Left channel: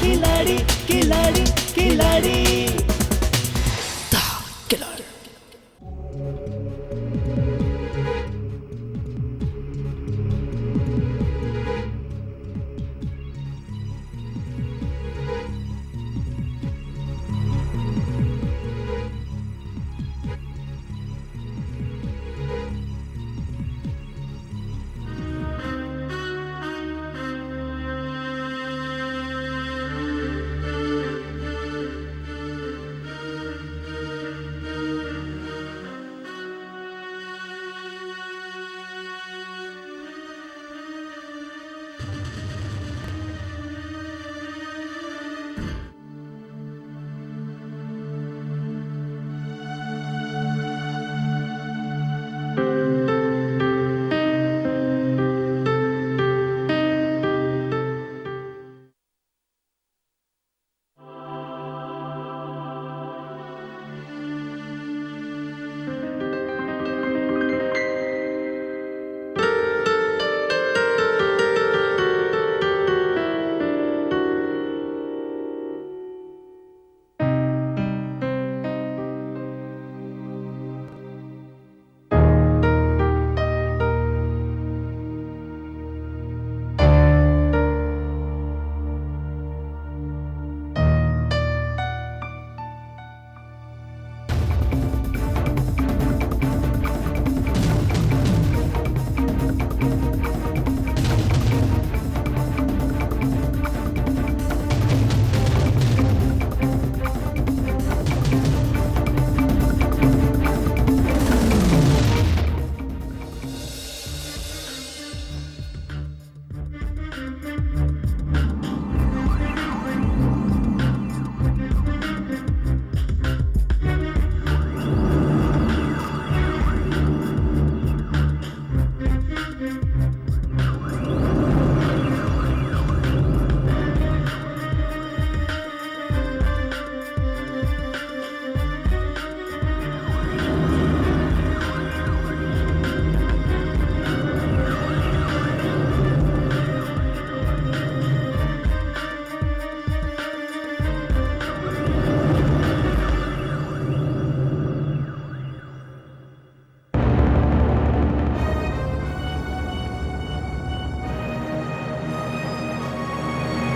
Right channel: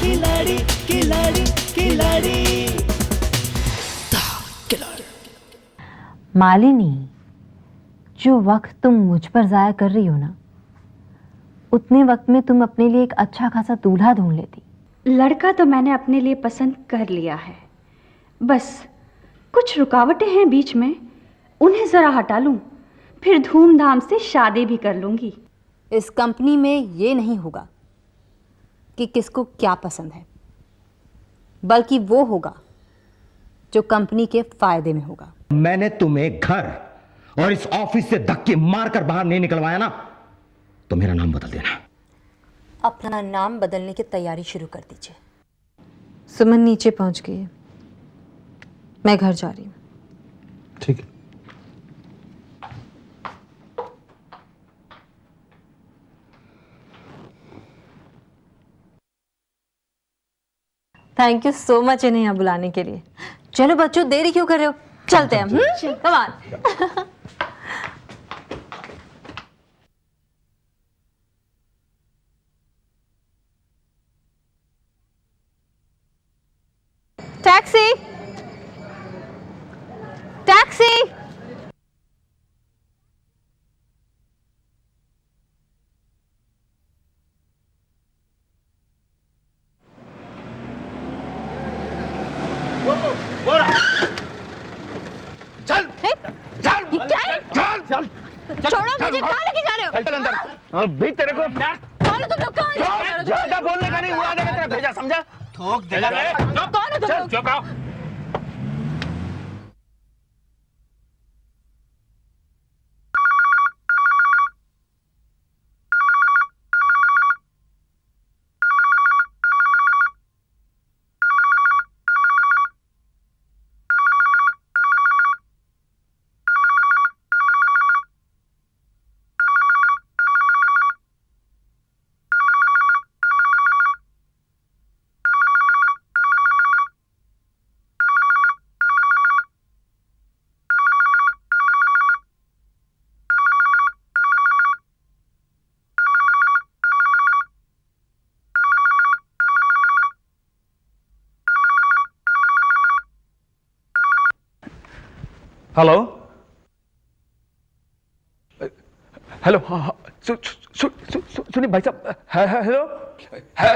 खिलाड़ी खिलाड़ी खिलाड़ी। मालिनी, जो वक्त तुम मुझ पर जाया कर रही हो ना, उतने वक्त में तुम अपने लिए एक अच्छा खासा दूल्हा ढूंढ लेती। लड़का तो मैंने अपने लिए पसंद कर लिया है, बस कुछ रुकावटें हैं बीच में, उन्हें जरा हटा लूं, फिर धूमधाम से शादी भी कर लूंगी। इस कंपनी में ये नहीं होगा कि किसको क्या पसंद है, बल्कि वो होगा जो कंपनी के फायदे में होगा। मैंने तुम्हें घर और इस ऑफिस से धक्के मारकर बाहर नहीं निकलवाया ना, तो मेरा नाम बदल देना। अपना नाम बदलने की तैयारी शुरू कर दीजिए। सुमन नीचे पहुंच गई है, मैं घर जा रही हूँ। ठीक है। थैंक यू सो मच इन्हें यहाँ बुलाने के लिए। चलो बच्चों, देरी क्यों कर रहे हो, चलते हैं हम। Come on. Taxi taxi. छोड़ो मुझे, कहाँ लेके जा रहे हो? तेरे को कौन हो तुम लोग? कौन हो? बोलने का नहीं, उड़ा देगा तेरा भेजा, समझा? कौन हो तुम? चुप रहो। हेलो हेलो, हाँ सुनिए भाई साहब, हेलो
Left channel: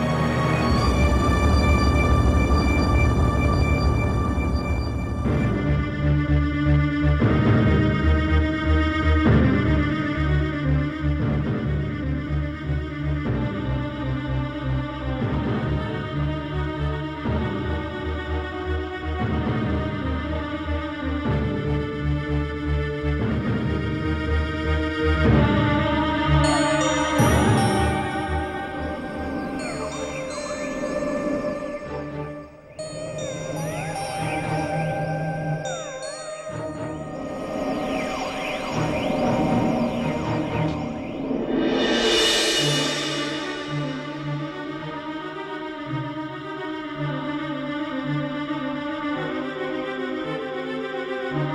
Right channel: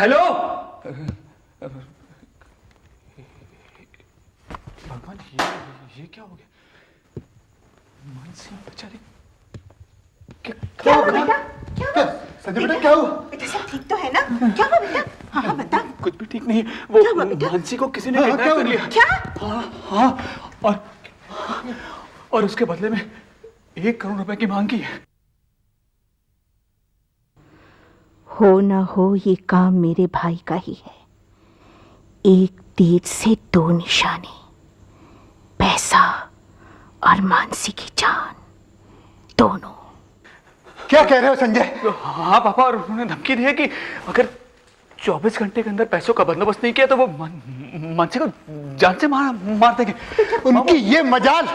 हेलो। क्या हुआ बेटा? क्या हुआ? बेटा सब ठीक तो है ना? क्या हुआ बेटा? हाँ बता। कुछ भी ठीक नहीं, वो क्या हुआ बेटा? हंसी को किसी ने किडनैप कर लिया। क्या? हाँ, और उसके बदले में 1 करोड़ रुपए की मांग की है। हो ना हो ये काम मेरे भाई का ही। एक तीर से 2 निशाने, पैसा और मानसी की जान, दोनों। क्या कह रहे हो संजय? हाँ पापा, और उसने धमकी दी है कि अगर 24 घंटे के अंदर पैसों का बंदोबस्त नहीं किया तो वो मानसी को जान से मार देंगे। उनकी ये मजाल।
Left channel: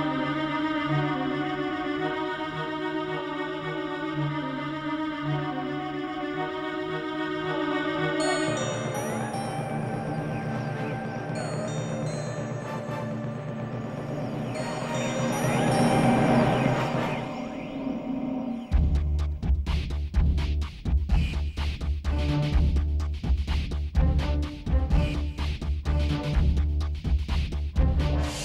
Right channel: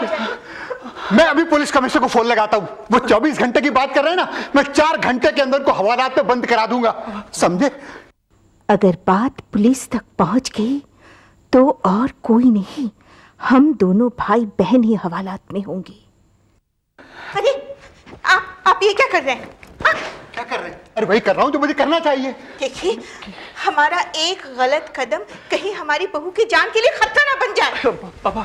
मैं अभी पुलिस कमिश्नर को फोन लगाता हूँ। वो 24 घंटे की बात कर रहे हैं ना, मैं 4 घंटे के अंदर को हवालात में बंद करा दूंगा, समझे? अगर बात पुलिस तक पहुंच गई तो और कोई नहीं, हम दोनों भाई बहन ही हवालात में होंगे। अरे आप ये क्या कर रहे हैं? क्या कर रहे हैं? अरे वही कर रहा हूँ जो मुझे करना चाहिए। देखिए, हमारा एक गलत कदम कहीं हमारी बहू की जान के लिए खतरा ना बन जाए। पापा,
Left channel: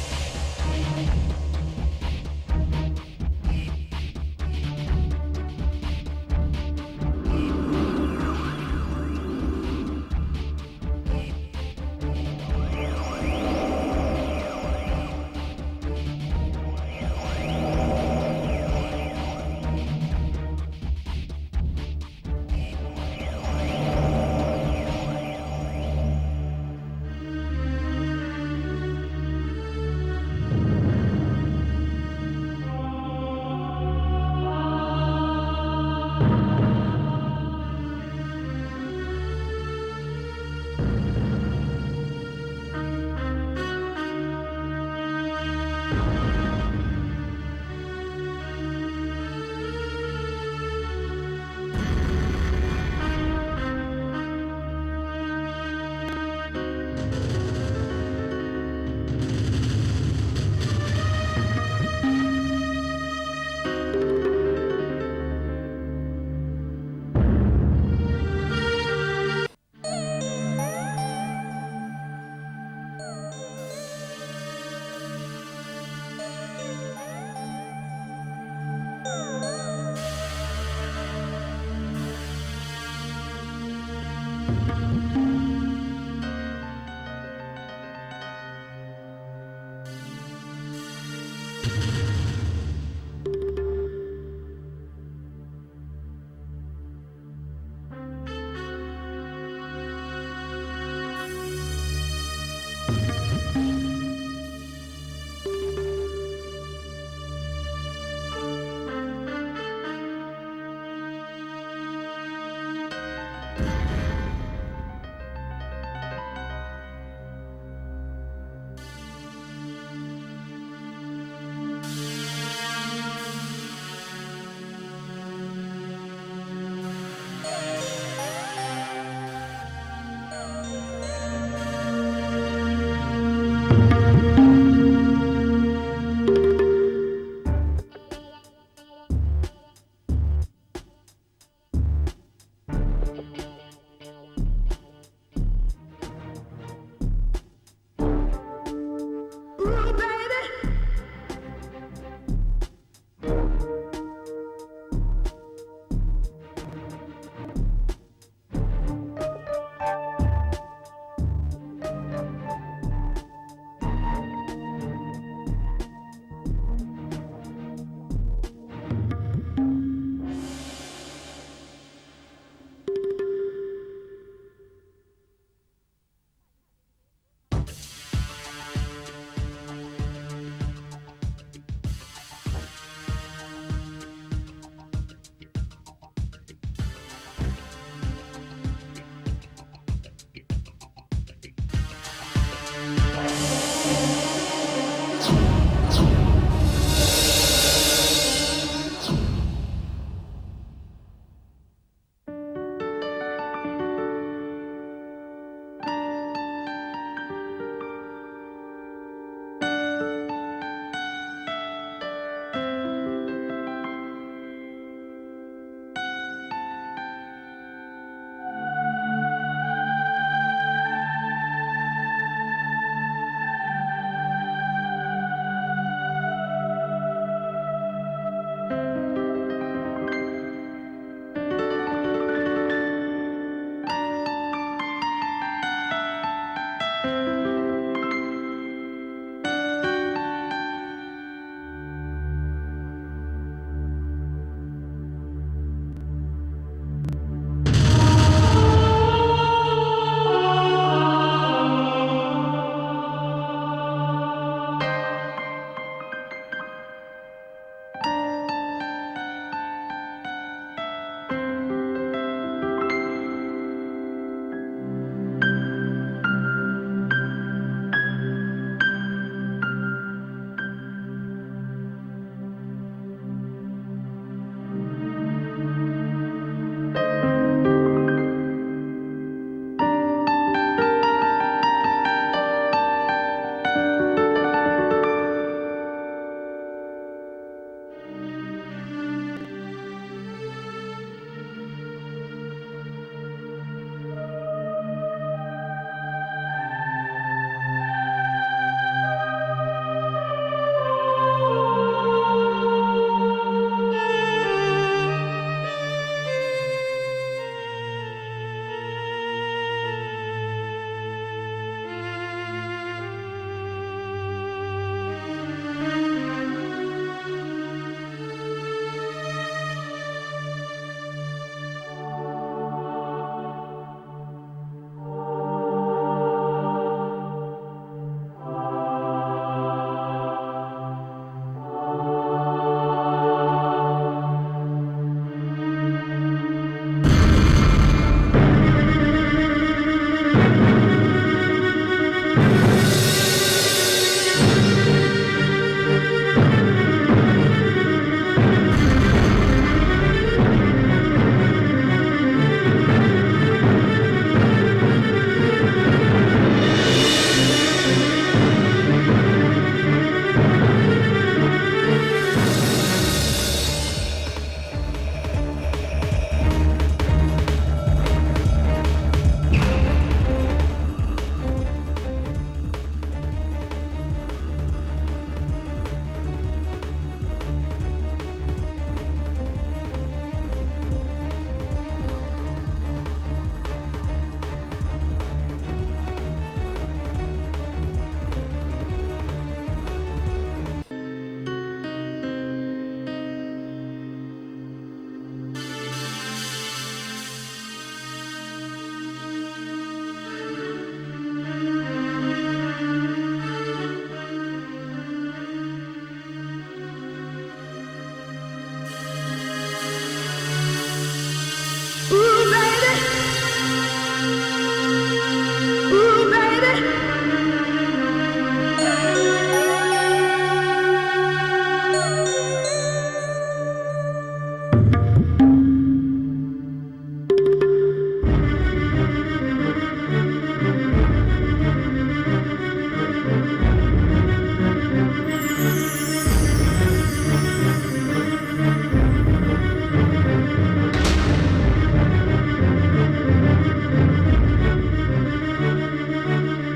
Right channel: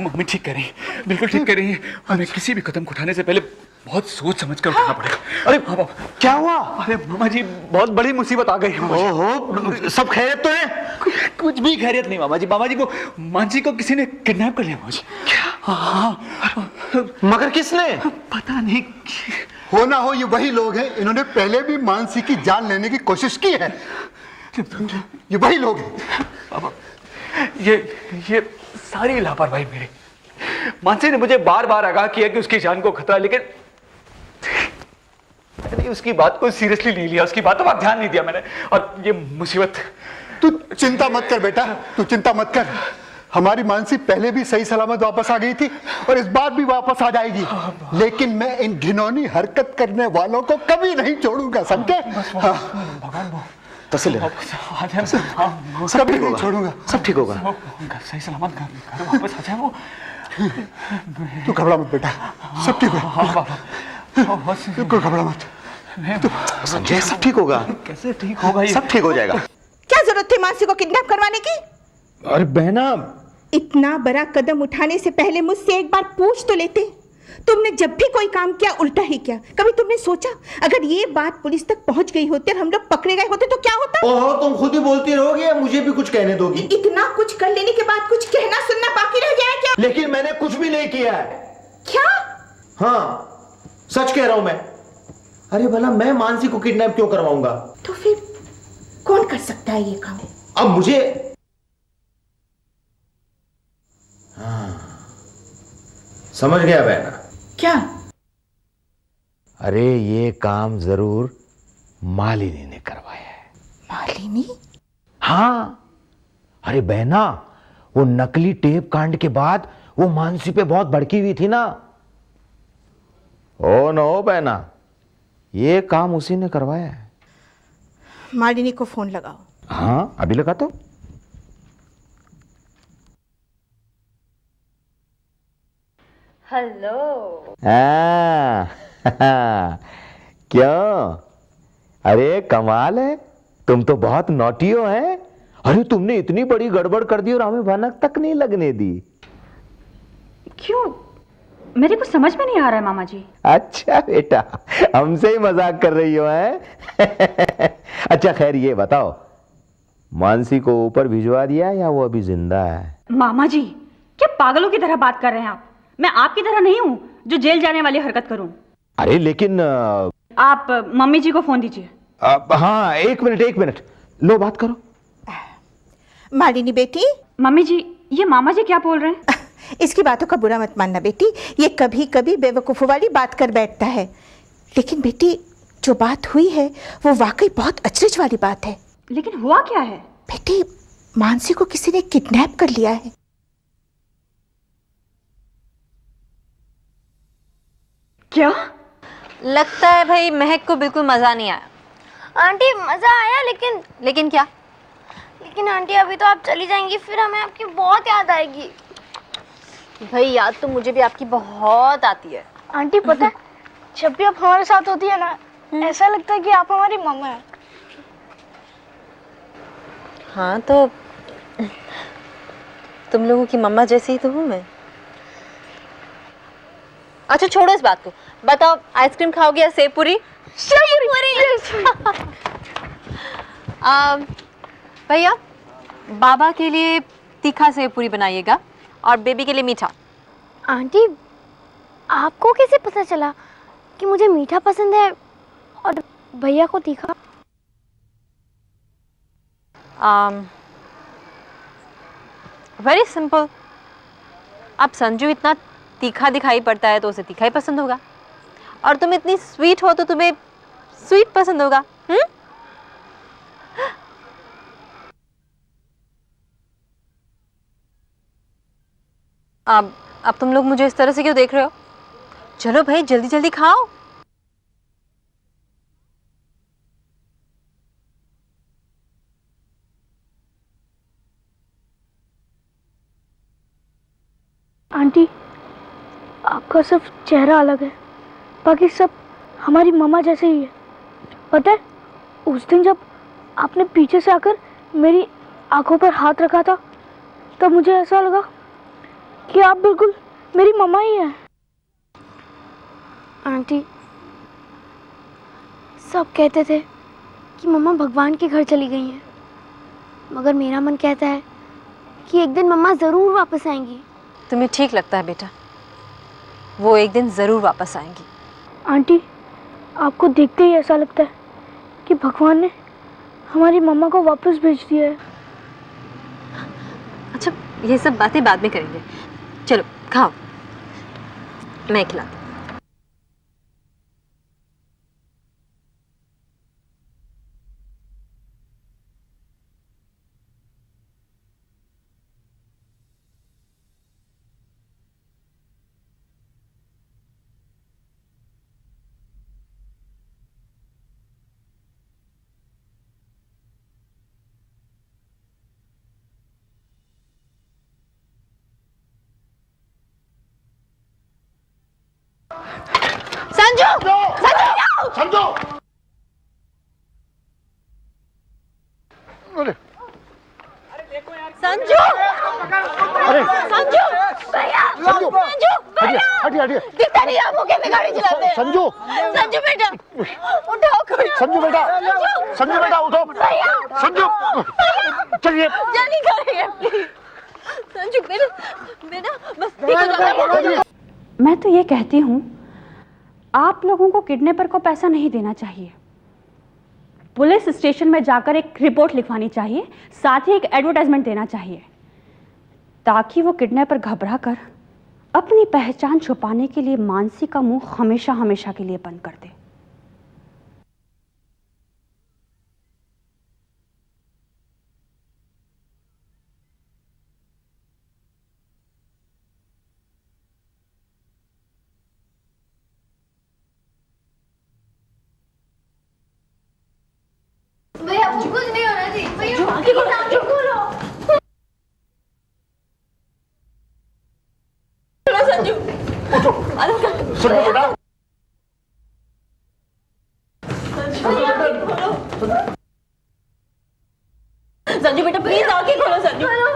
मम्मी ठीक कह रही है, बिल्कुल ठीक कह रही है। हमें किसी भी कदम उठाने से पहले बहुत सोच समझ कर उठाना पड़ेगा। अरे पापा, क्या हुआ? अरे मामा जी, बहुत बड़ी मुसीबत आ गई। ओहो, सब खैरियत तो है? कुछ भी खैरियत नहीं मामा जी। मामा जी, वो मानसी को किसी ने किडनैप कर लिया मामा जी। क्या? हाँ, मगर किसने? पता नहीं। हो ना हो ये वही लोग हैं, इन्होंने पहले भी मानसी की जान लेने की कोशिश की है। ये वही लोग हैं। पापा, ये सारी लापरवाही मेरी। मानसी ने मुझे बार बार आगाह किया कि उसकी जान को खतरा, लेकिन उसकी बात को सीरियसली नहीं लिया, उसकी बातों पर ध्यान नहीं दिया मैंने, और ये मुसीबत। तू चिंता मत कर बेटा, तू चिंता मत कर। हमारी मानसी पहले भी सही सलामत वापस आ गई थी और इस बार भी वापस आ जाएगी। लेकिन मैं इन घिनौनी हरकत करने वालों को कभी नहीं छोड़ूंगा, समझे? हाँ। तसल्ली ले। आ जाए सब ठीक होगा, छोड़ूंगा, सब ठीक होगा। सही सलामत घर वापस आ जाए वो। तू घबरा मत बेटा, सब ठीक होगा, तू घबरा मत। संजय सब ठीक होगा। कैसे ठीक होगा ये? सब ठीक हो जाएगा। क्या जरूरत थी मानसी को किडनैप करवाने की? अरे बहना, इतना बड़ा कदम उठाने से पहले मुझसे एक बार पूछ तो लेते। तुमने जब भी कोई काम किया उल्टा ही किया। कभी तुमने सोचा अगर ये बात पुलिस तक पहुंच गई होती और हम लोग पकड़े गए होते तो क्या होता? ओहो, तुम खुद ही बोलती रहोगी या मुझे भी कुछ कहने दोगी? इतना कुछ कर लेने के बाद कुछ कहना सुनना बाकी रह गया है क्या? लेकिन मैंने कुछ भी नहीं किया है। क्या? हाँ, सच कह रहा हूं मैं। अरे भला मैं मानसी को किडनैप क्यों करवाऊंगा? तो फिर कौन कर सकता है ये काम? अब मुझे समझ गया बहना। क्या? अरे ये काम जरूर मालिनी ने करवाया है। मालिनी? हाँ, अरे बहना, वो नकली टेप कांड के बाद वो मानसी पे बहुत भड़की हुई थी ना। ओ नो बहना, ये काम उसी ने करवाया। मालिनी को फोन लगा। हाँ, अभी लगा तो। हेलो। क्यों? अरे कमाल है, तुम तो बहुत नॉटी हो हैं। अरे तुमने इतनी बड़ी गड़बड़ कर दी और हमें भनक तक नहीं लगने दी। क्यों? मेरे को समझ में नहीं आ रहा है मामा जी। अच्छा बेटा, हमसे ही मजाक कर रही हो हैं? अच्छा खैर ये बताओ, मानसी को ऊपर भिजवा दिया या वो अभी जिंदा है? मामा जी, क्या पागलों की तरह बात कर रहे हैं आप? मैं आपकी तरह नहीं हूँ जो जेल जाने वाली हरकत करूँ। अरे लेकिन आप मम्मी जी को फोन दीजिए। हाँ, एक मिनट, लो बात करो। मालिनी बेटी। मम्मी जी, ये मामा जी क्या बोल रहे हैं? इसकी बातों का बुरा मत मानना बेटी, ये कभी कभी बेवकूफ़ों वाली बात कर बैठता है। लेकिन बेटी, जो बात हुई है वो वाकई बहुत अचरज वाली बात है। लेकिन हुआ क्या है? बेटी, मानसी को किसी ने किडनैप कर लिया है। क्या? लगता है भाई महक को बिल्कुल मजा नहीं आया। आंटी मजा आया, लेकिन क्या? लेकिन आंटी अभी तो आप चली जाएंगी, फिर हमें आपकी बहुत याद आएगी। भाई याद तो मुझे भी आपकी बहुत आती है। आंटी पता है, जब भी आप हमारे साथ होती है ना, ऐसा लगता है कि आप हमारी मम्मा है। हाँ तो तुम लोगों की मम्मा जैसी ही तो हूँ मैं। अच्छा छोड़ो इस बात को, बताओ आइसक्रीम खाओगे या सेव पूरी? सेव पूरी। भैया बाबा के लिए तीखा सेव पूरी बनाइएगा और बेबी के लिए मीठा। आंटी, आपको कैसे पता चला कि मुझे मीठा पसंद है और भैया को तीखा? Very simple. अब संजू इतना तीखा दिखाई पड़ता है तो उसे तीखा ही पसंद होगा, और तुम इतनी स्वीट हो तो तुम्हें स्वीट पसंद होगा। अब तुम लोग मुझे इस तरह से क्यों देख रहे हो? चलो भाई जल्दी जल्दी खाओ। आंटी, आपका सिर्फ चेहरा अलग है, बाकी सब हमारी मम्मा जैसे ही है। पता है, उस दिन जब आपने पीछे से आकर मेरी आंखों पर हाथ रखा था, तब मुझे ऐसा लगा कि आप बिल्कुल मेरी मम्मा ही हैं। आंटी, सब कहते थे कि मम्मा भगवान के घर चली गई हैं, मगर मेरा मन कहता है कि एक दिन मम्मा जरूर वापस आएंगी। तुम्हें ठीक लगता है बेटा, वो एक दिन जरूर वापस आएंगी। आंटी, आपको देखते ही ऐसा लगता है कि भगवान ने हमारी मम्मा को वापस भेज दिया है। अच्छा ये सब बातें बाद में करेंगे, चलो खाओ, मैं खिलाती हूँ। संजू अरे संजू भैया संजू संजू भैया हटिए हटिए दिखता नहीं आपको कैसे गाड़ी चलाते हैं संजू संजू बेटा उठाओ कोई संजू बेटा उठो भैया संजू चलिए जल्दी करेंगे संजू बेटा बेटा बस ठीक हो जाएगा मैं तो ये कहती हूँ आप लोगों को किडनैपर को पैसा नहीं देना चाहिए। पुलिस स्टेशन में जाकर एक रिपोर्ट लिखवानी चाहिए, साथ ही एक एडवर्टाइजमेंट देना चाहिए ताकि वो किडनैपर घबरा कर अपनी पहचान छुपाने के लिए मानसी का मुंह हमेशा हमेशा के लिए बंद कर दे। भैया कुछ नहीं हो रहा थी भैया नाम जो बोलो सुनो बेटा संजू बेटा प्लीज आके खोलो संजू भैया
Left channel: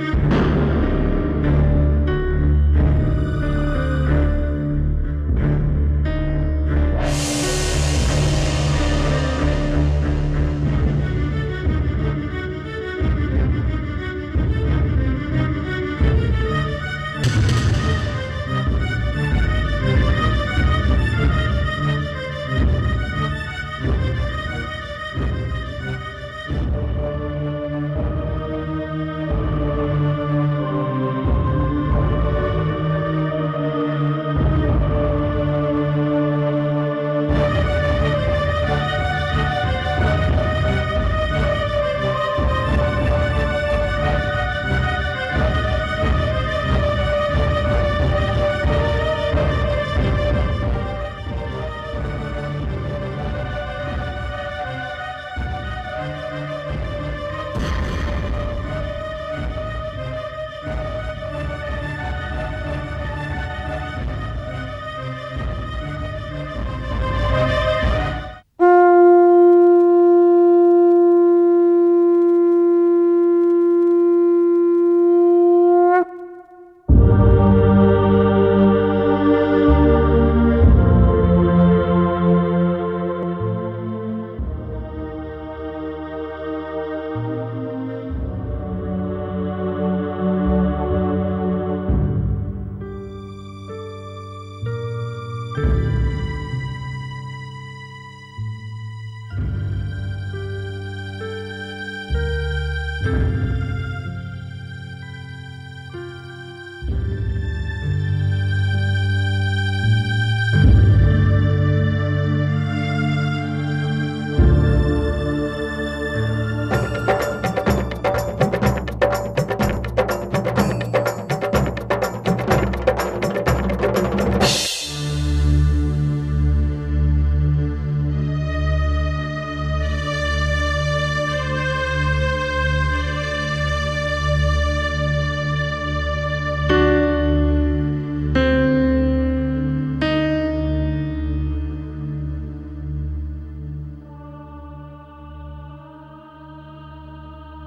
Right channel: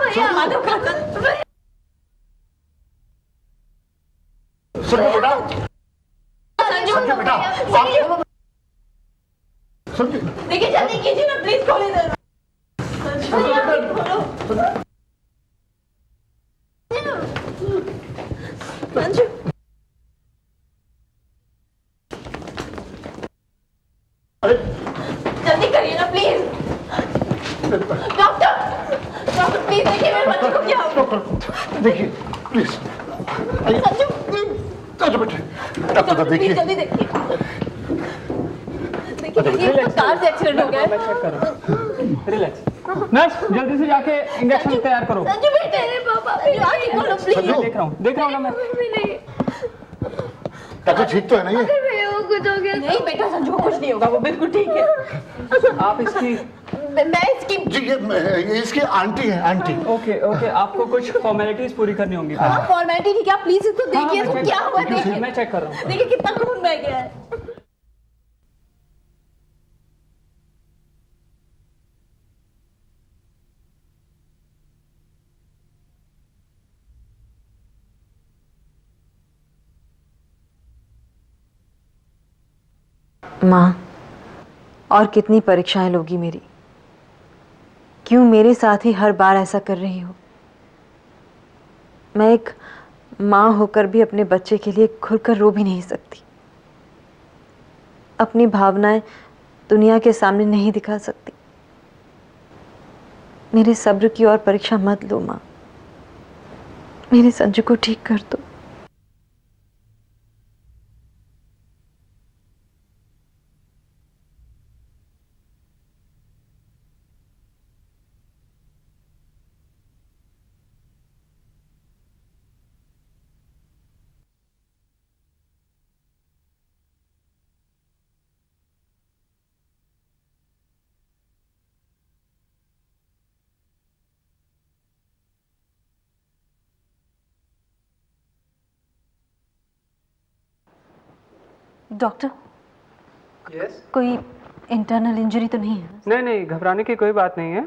सुनो बेटा संजू देखिए जल्दी कीजिए ना प्लीज खोले संजू अरे जल्दी करिए ना प्लीज डॉक्टर प्लीज देखिए मेरे बच्चे को क्या हुआ देखिए प्लीज संजू बेटे डॉक्टर देखिए जल्दी देखिए ये कार से एक्सीडेंट हो गया है नर्स जल्दी से जाके इंजेक्शन तैयार करो। संजू बेटे पापा प्लीज आके खोलो प्लीज देख रहा हूँ ना मैं। डॉक्टर ठीक तो है ना ये नहीं बेटा संजू को कुछ नहीं होगा वो बिल्कुल ठीक है आप इसकी मैं इसकी इसकी आंटी है आंटी ओके आपको कुछ फॉर्मेलिटीज पूरी करनी होंगी। आप फॉर्मेलिटी नहीं क्या प्लीज इसको देखिए इसको क्या हुआ देखिए मैं चेक कर रहा हूँ। देखिए कितना खून बह गया है माँ और कितनी परीक्षाएं लोगी मेरी? क्यों मेरे साथ ही हर बार ऐसा कर रही हो? मैं एक माँ होकर भी अपने बच्चे के लिए खुलकर रो भी नहीं सकती, अपनी भावनाएं दुनिया के सामने नहीं दिखा सकती। मेरे सब्र की और परीक्षा मत लो माँ, मेरे संजू को ठीक कर दो। डॉक्टर कोई इंटरनल इंजरी तो नहीं है? नहीं घबराने की कोई बात नहीं है,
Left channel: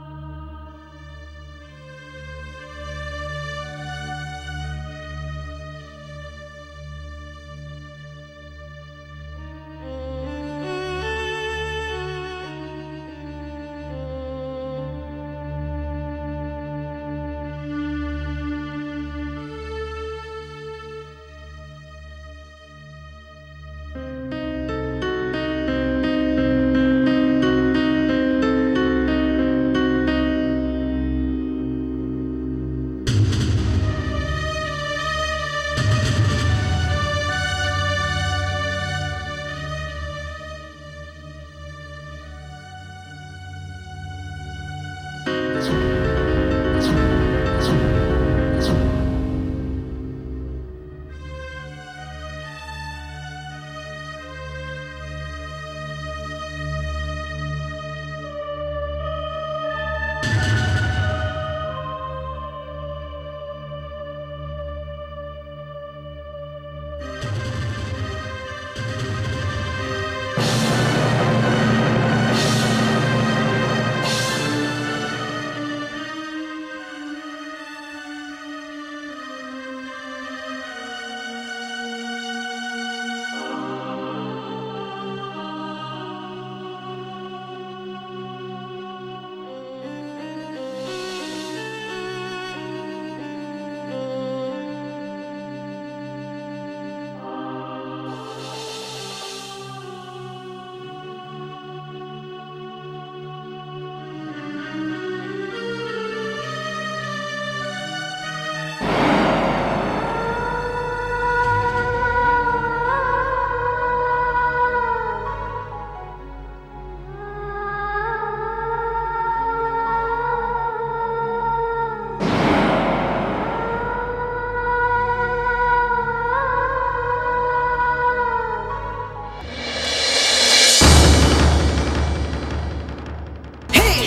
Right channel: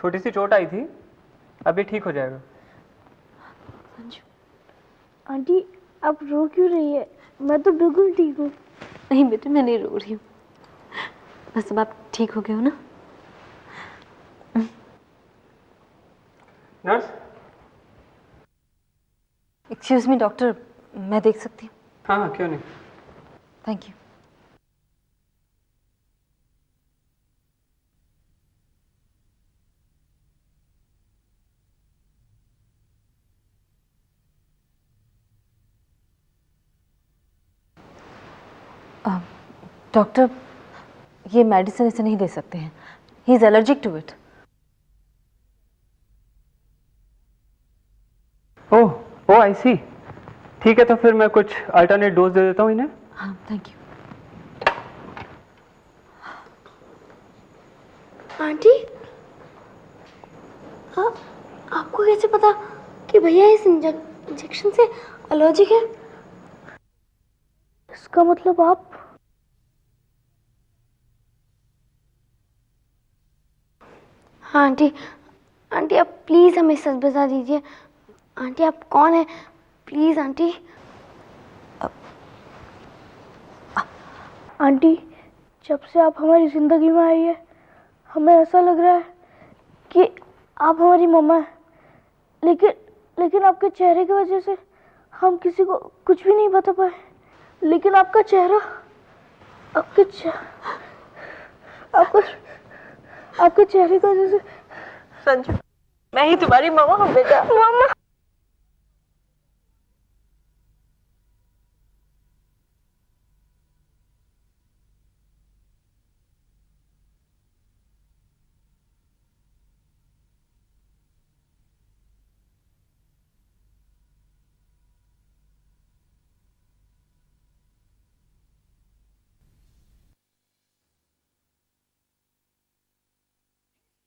छोटी सी चोट आई थी, अभी ठीक हो जाएगा। आंटी आप रो क्यों रही है? मैं तो बिल्कुल ठीक हूँ। नहीं बेटा मैं नहीं रो रही हूँ, बस अब आप ठीक हो गए हो ना? नर्स एक्सक्यूज मी डॉक्टर, मैं देख सकती हूँ? हाँ क्यों नहीं। Thank you. डॉक्टर ये मेडिसिन इसे नहीं दे सकते हैं, he is allergic to it. Oh I see. ठीक है तो फिर मैं कुछ अल्टरनेट डोज दे देता हूँ इन्हें। हाँ थैंक यू। आंटी आपको कैसे पता कि भैया इस इंजेक्शन से एलर्जिक है? का मतलब आप आंटी आप प्लीज हमें सच बता दीजिए। आंटी आप कौन है? Please aunty. आंटी जब से आप हमारी जिंदगी में आई है हमें ऐसा लग रहा है कि आप हमारी मम्मा हैं। लेकिन आपके चेहरे की वजह से हम किसी को कुछ भी नहीं बता पाए। लेकिन आपका चेहरा, आपके चेहरे की वजह से संजू, मैं ही तुम्हारी मम्मा हूँ बेटा। मम्मा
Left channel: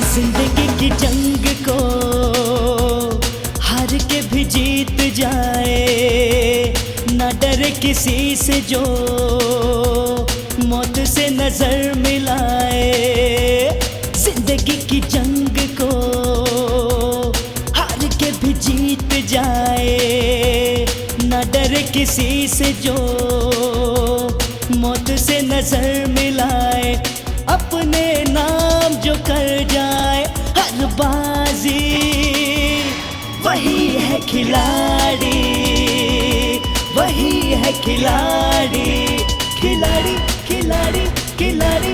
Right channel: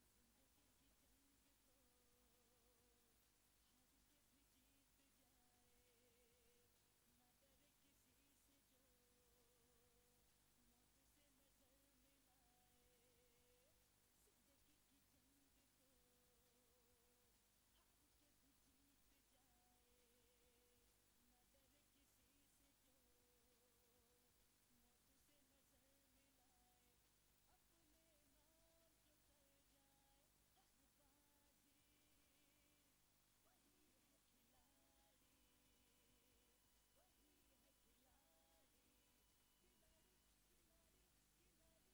जिंदगी की जंग को हार के भी जीत जाए, ना डरे किसी से जो मौत से नजर मिलाए। जिंदगी की जंग को हार के भी जीत जाए, ना डरे किसी से जो मौत से नजर मिलाए। अपने नाम जो कर जाए हर बाजी, वही है खिलाड़ी, वही है खिलाड़ी। खिलाड़ी खिलाड़ी खिलाड़ी